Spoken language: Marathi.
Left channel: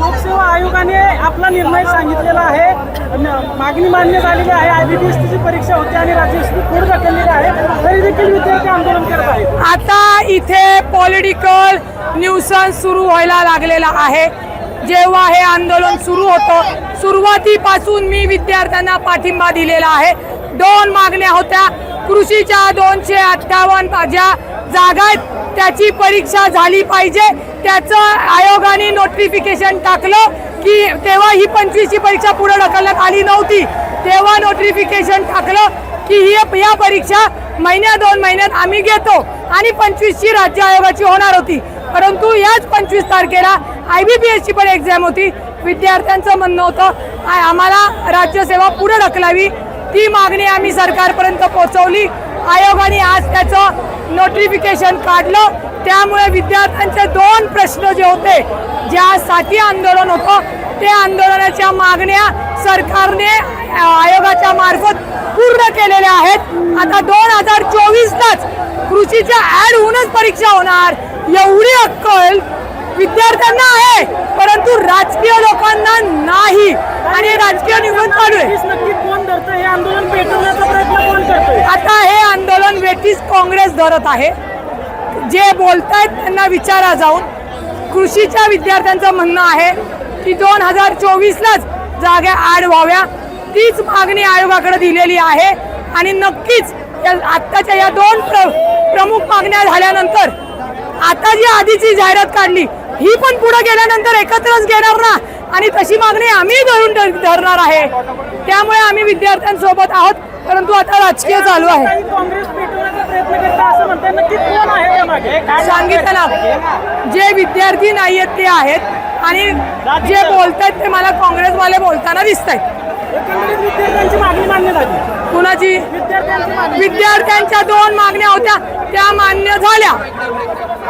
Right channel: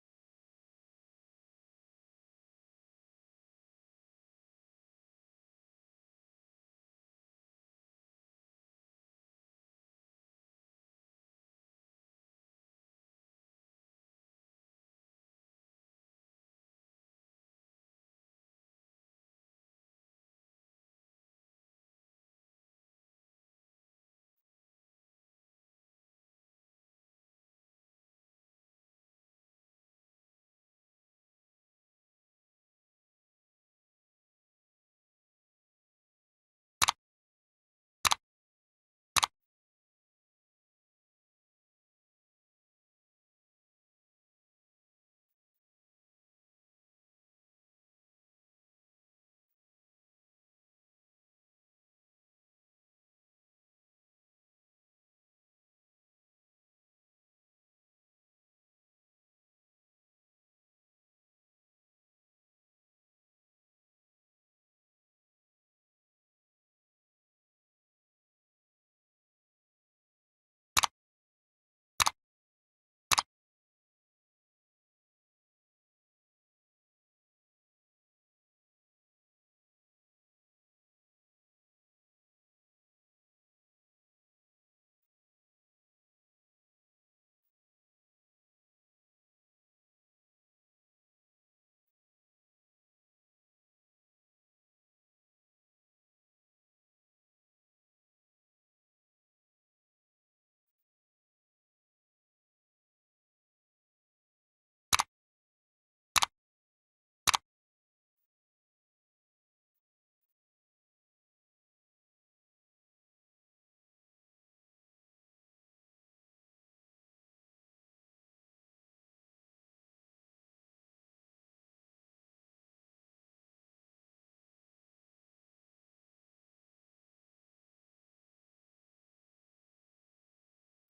लोकसेवा आयोगाने आपला निर्णय सांगितलेला आहे. मागणी मान्य झालेली आहे. आय बी पी एस टीची परीक्षा होती आणि राज्यस्थी पुढे ढकललेली आहे. तरी देखील विद्यार्थी आंदोलन करत आहेत. आता इथे पॉलिटिकल न्यूसन्स सुरू व्हायला लागलेला आहे. जेव्हा हे आंदोलन सुरू होतं सुरुवातीपासून मी विद्यार्थ्यांना पाठिंबा दिलेला आहे. दोन मागण्या होत्या. कृषीच्या दोनशे अठ्ठावन्न ज्या जागा आहेत त्याची परीक्षा झाली पाहिजे. त्याचं आयोगाने नोटिफिकेशन टाकलं की तेव्हा ही पंचवीसची परीक्षा पुढे ढकलण्यात आली नव्हती. तेव्हा नोटिफिकेशन टाकलं की ही या परीक्षा महिन्या दोन महिन्यात आम्ही घेतो आणि पंचवीसची राज्य आयोगाची होणार होती. परंतु याच पंचवीस तारखेला आय बी पी एसची पण एक्झाम होती. विद्यार्थ्यांचं म्हणणं होतं आम्हाला राज्यसेवा पुढे ढकलावी. ती मागणी आम्ही सरकारपर्यंत पोहोचवली. आयोगाने आज त्याचं नोटिफिकेशन काढलं. त्यामुळे विद्यार्थ्यांचे दोन प्रश्न जे होते ज्यासाठी आंदोलन होतं ते आंदोलनाच्या मागण्या सरकारने आयोगाच्या मार्फत पूर्ण केलेल्या आहेत. आता दोन हजार चोवीसलाच कृषीच्या ऍड होऊनच परीक्षा होणार. एवढी अक्कल विद्यार्थ्यांना आहे परंतु राजकीय लोकांना नाही. आणि राजकीय निवडून चालू आहे. नक्कीच नक्की कोण धरतं हे आंदोलन पेटवण्याचा प्रयत्न कोण करतोय? आता नक्कीच काँग्रेस धरत आहे. जे बोलतायत त्यांना विचारा जाऊन. कृषीच्या विद्यार्थ्यांचं म्हणणं आहे की दोन हजार चोवीसलाच जागा आड व्हाव्या. तीच मागणी आयोगाकडे दिलेली आहे आणि नक्कीच या आत्ताच्या या दोन प्र प्रमुख मागण्या झाल्यानंतर आता जी आधीची जाहिरात काढली ही पण पुढे गेल्यानंतर एकत्रच घेणार ना? आणि तशी मागणी आम्ही धरून धर- धरणार आहे. त्यामुळे आम्ही विद्यार्थ्यांसोबत आहोत. परंतु आता राजकीय चालू आहे. सांगितलं ना. जे विद्यार्थी नाही आहेत ते आहेत. आणि जे बोलतायत ते मला काँग्रेसवाले बोलताना दिसत आहेत कुणाची? विद्यार्थ्यांच्या दोन मागण्या होत्या. त्या मान्य झाल्या.